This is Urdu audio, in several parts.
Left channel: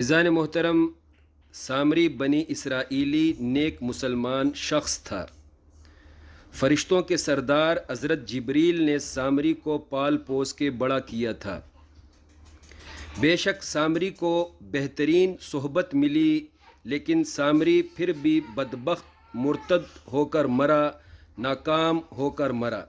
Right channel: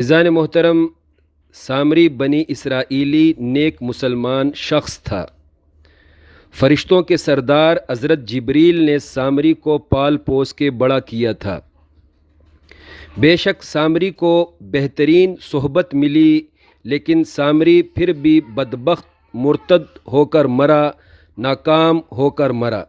عزیزان محترم، سامری بنی اسرائیلی نیک مسلمان شخص تھا۔ فرشتوں کے سردار حضرت جبریل نے سامری کو پال پوس کے بڑا کیا تھا۔ بے شک سامری کو بہترین صحبت ملی، لیکن سامری پھر بھی بدبخت مرتد ہو کر مرا، ناکام ہو کر مرا۔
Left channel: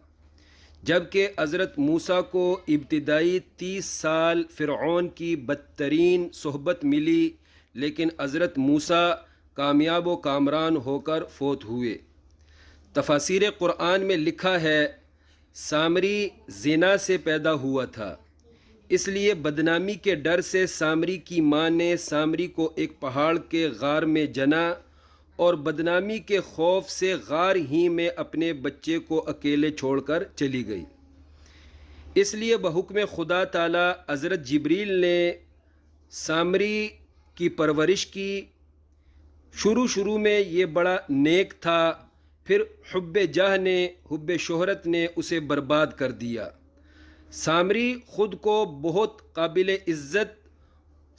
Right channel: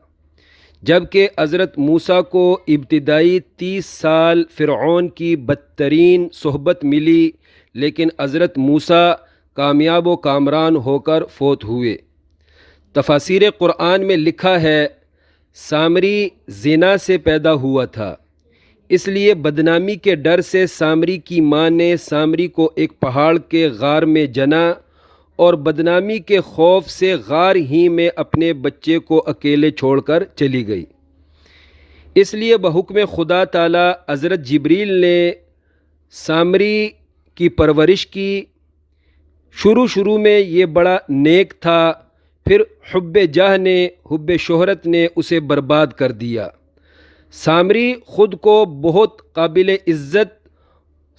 جبکہ حضرت موسیٰ کو ابتدائی 30 سال فرعون کی بدترین صحبت ملی، لیکن حضرت موسیٰ کامیاب و کامران ہو کر فوت ہوئے۔ تفاسیر قرآن میں لکھا ہے، سامری زنا سے پیدا ہوا تھا، اس لیے بدنامی کے ڈر سے سامری کی ماں نے سامری کو ایک پہاڑ کے غار میں جنا اور بدنامی کے خوف سے غار ہی میں اپنے بچے کو اکیلے چھوڑ کر چلی گئی۔ اس لیے بحکم خدا تعالی حضرت جبریل نے سامری کی پرورش کی۔ شروع میں یہ بڑا نیک تھا، پھر حب جاہ نے، حب شہرت نے اسے برباد کر دیا۔ سامری خود کو بہت قابل عزت،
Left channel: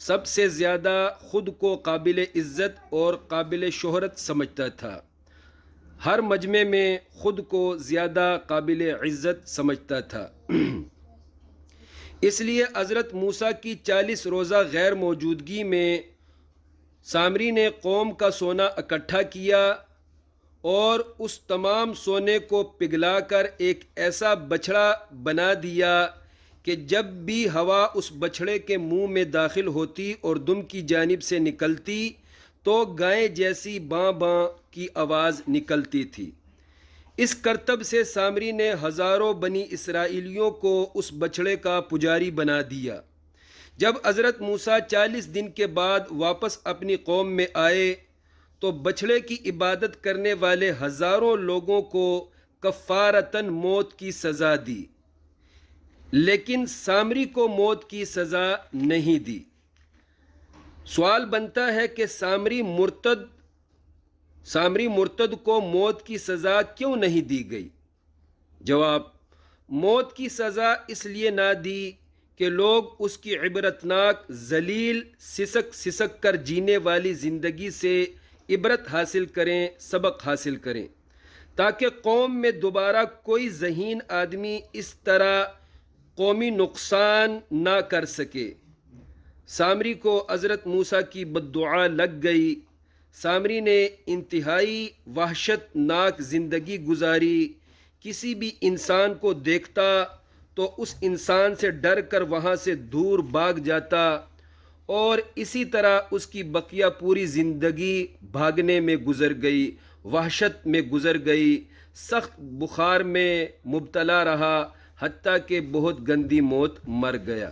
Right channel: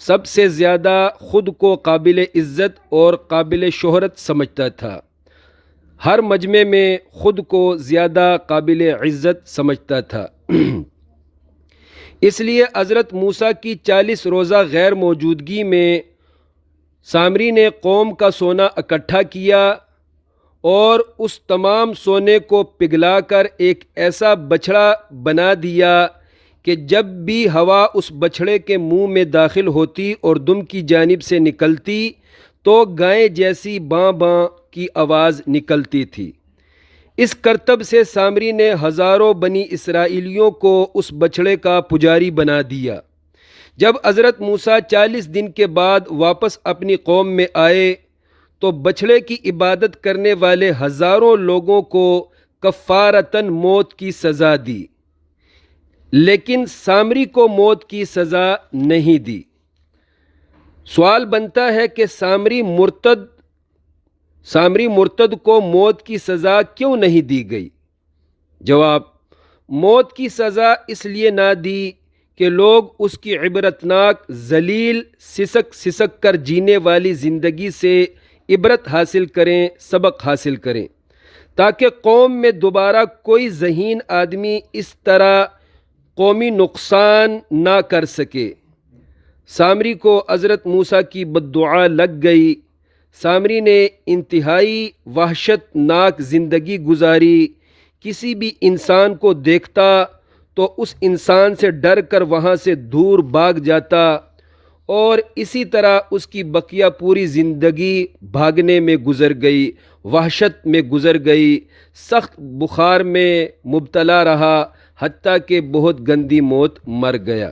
سب سے زیادہ خود کو قابل عزت اور قابل شہرت سمجھتا تھا۔ ہر مجمع میں خود کو زیادہ قابل عزت سمجھتا تھا۔ اس لیے حضرت موسیٰ کی 40 روزہ غیر موجودگی میں سامری نے قوم کا سونا اکٹھا کیا اور اس تمام سونے کو پگھلا کر ایک ایسا بچھڑا بنا دیا کہ جب بھی ہوا اس بچھڑے کے منہ میں داخل ہوتی اور دم کی جانب سے نکلتی تو گائے جیسی باں باں کی آواز نکلتی تھی۔ اس کرتب سے سامری نے ہزاروں بنی اسرائیلیوں کو اس بچھڑے کا پجاری بنا دیا۔ جب حضرت موسیٰ 40 دن کے بعد واپس اپنی قوم میں آئے تو بچھڑے کی عبادت کرنے والے ہزاروں لوگوں کو کفارتاً موت کی سزا دی، لیکن سامری کو موت کی سزا نہیں دی۔ سوال بنتا ہے کہ سامری مرتد کو موت کی سزا کیوں نہیں دی گئی؟ جواب: موت کی سزا اس لیے نہ دی کہ لوگ اس کی عبرتناک، ذلیل، سسک کر جینے والی زندگی سے عبرت حاصل کریں، سبق حاصل کریں، تاکہ قوم میں دوبارہ کوئی ذہین آدمی اس طرح قومی نقصان نہ کر سکے۔ سامری کو حضرت موسیٰ کی بددعا لگ گئی۔ سامری نے انتہائی وحشت ناک زندگی گزاری۔ کسی بھی انسان کو دیکھتا تو اس انسان سے ڈر کر وہاں سے دور بھاگ جاتا، اور اسی طرح اس کی بقیہ پوری زندگی بھاگنے میں گزر گئی، وحشت میں گزر گئی، سخت بخار میں مبتلا رہا، حتیٰ کہ بہت گندی موت مر گیا۔